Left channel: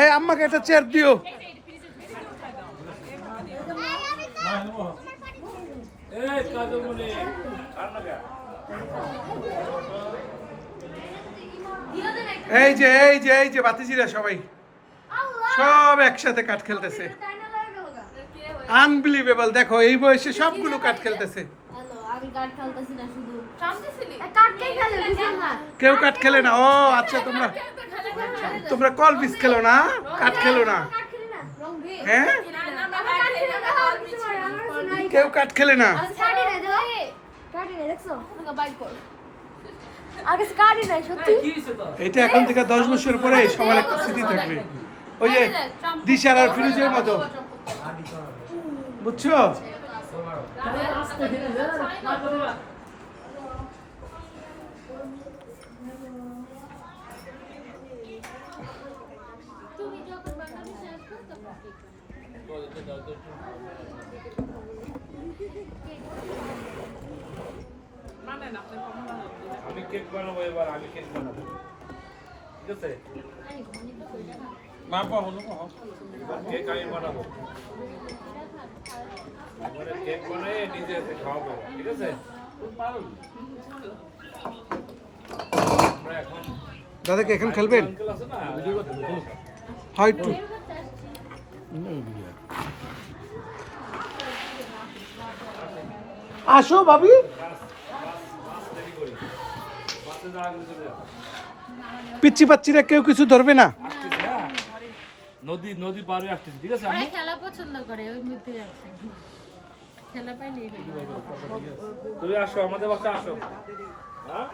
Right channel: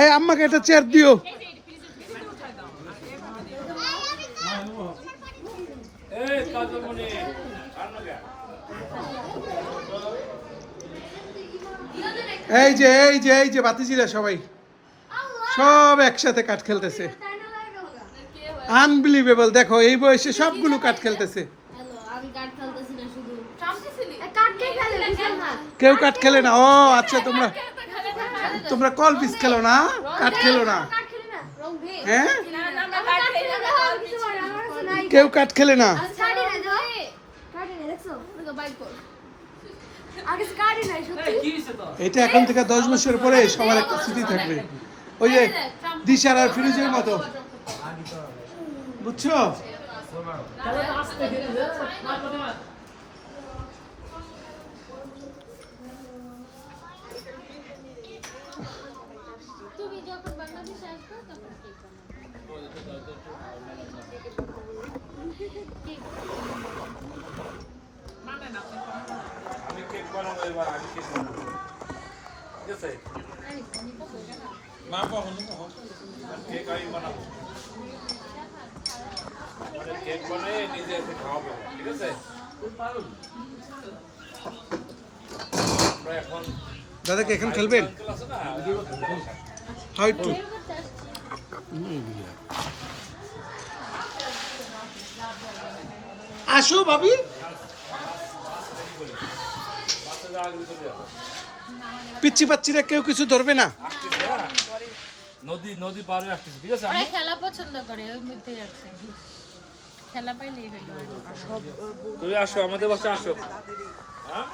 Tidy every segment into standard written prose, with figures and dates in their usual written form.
এই আম্মাকে একটা চেয়ার দিও। এই যে এই যে এই যে বাতিজিরা সবাই সব একসাথে কাঠ খেলতেছে। আনবিলিভেবল, দেখো এই বয়সে সবগুলো কাঠ খেলতেছে। কেউ কাঠ খেলে না। ও আচ্ছা, তোমরা কল পিস খেলো না, কাঠ খেলো না। হ্যাঁ, কেউ কাঠ খেলে না। এটা এখন থেকে 10 বছর পরে সবার একটা স্মৃতি থাকবে, ওই যে দিশার আর ফিরোজের মতো, বুঝছো? আমি কেক বানাবো এবার, আমি কেক বানাবো, ঠিক আছে? কেক আমি বানাবো, কেক বানিয়ে নিজে এসে খাওয়াবো, ঠিক আছে? এখন দাদাকে এখন খেলবেন? হয় একটু আসো ভাবি। পিচ্ছি পাচ্ছিরা কেউ কিছু ধরবে না। নদী নদী পারে আসতেছি, ঠিক আছে? আমি খেলা পছন্দ করে, ওই মধ্যে আছে খেলা পাইলেই হই। তুমি আসো আমাদের বাসায়, আসো। হ্যাঁ,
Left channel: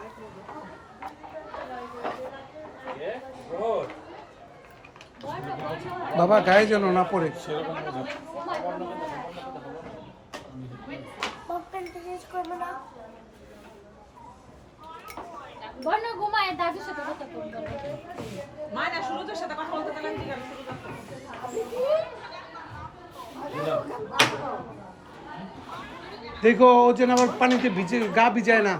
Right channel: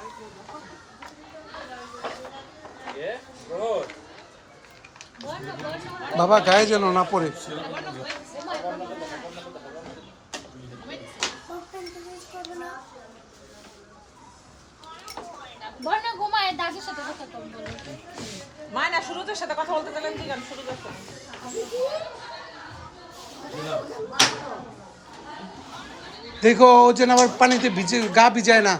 বাবা গায়ে যেন না পড়ে। বর্ণ ঘুমায়, দাদুর সাথে কথা বলবো। মায়না শুরুতে সাথে কথা বলতে গেলেন কি জানো, শুরু করতে দেখো ও যেন আবার পানিতে ভিজে গা ভিজায় না।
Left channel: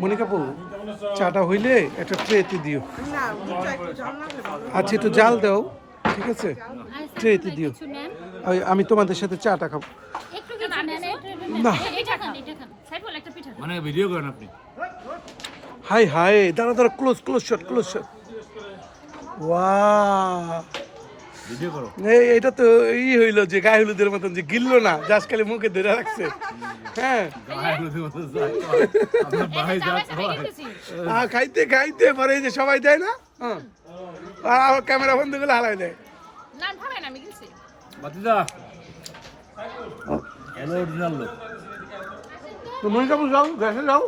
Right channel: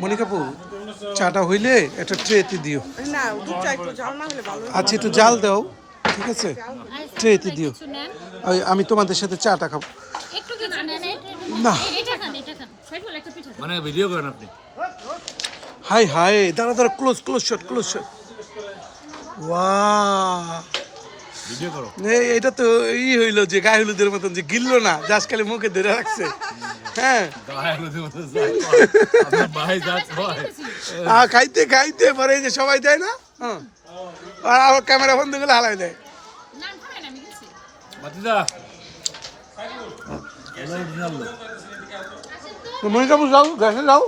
মনিকাপু, চাটা হইলে একটা ট্রেতে দিও। না দুধটা একটু জাল না হলে ভালো। আচ্ছা, একটু জাল দাও, ঠিক আছে? ট্রেতে দিও। আমি তোমাদের সাথে চাটা খাবো। একটু কিছু নেন, না, এটা খান, এটা খান। সাইড বল একটা পিঠা। মানে ভিডিও করেন আপনি? হাই হাই, দাঁড়া দাঁড়া, close close shot, close shot. Wow, video করো। এটা তো হইলো যে গায়ে হলুদের মতন, যে গিললো না, জাস্ট খালি মুখে ধরে রাখছে। হ্যাঁ, খাইতে খাইতে পরে এই যে সবাই দেয় না, হ্যাঁ, আর ক্যামেরা বন্ধ করে হালাই দেয়। না ভাবে না, আমি গেছি। বাতিদা হ্যালো, অরিজিনাল লোক। মনিকাপু যাও, গ্যাসে যাও।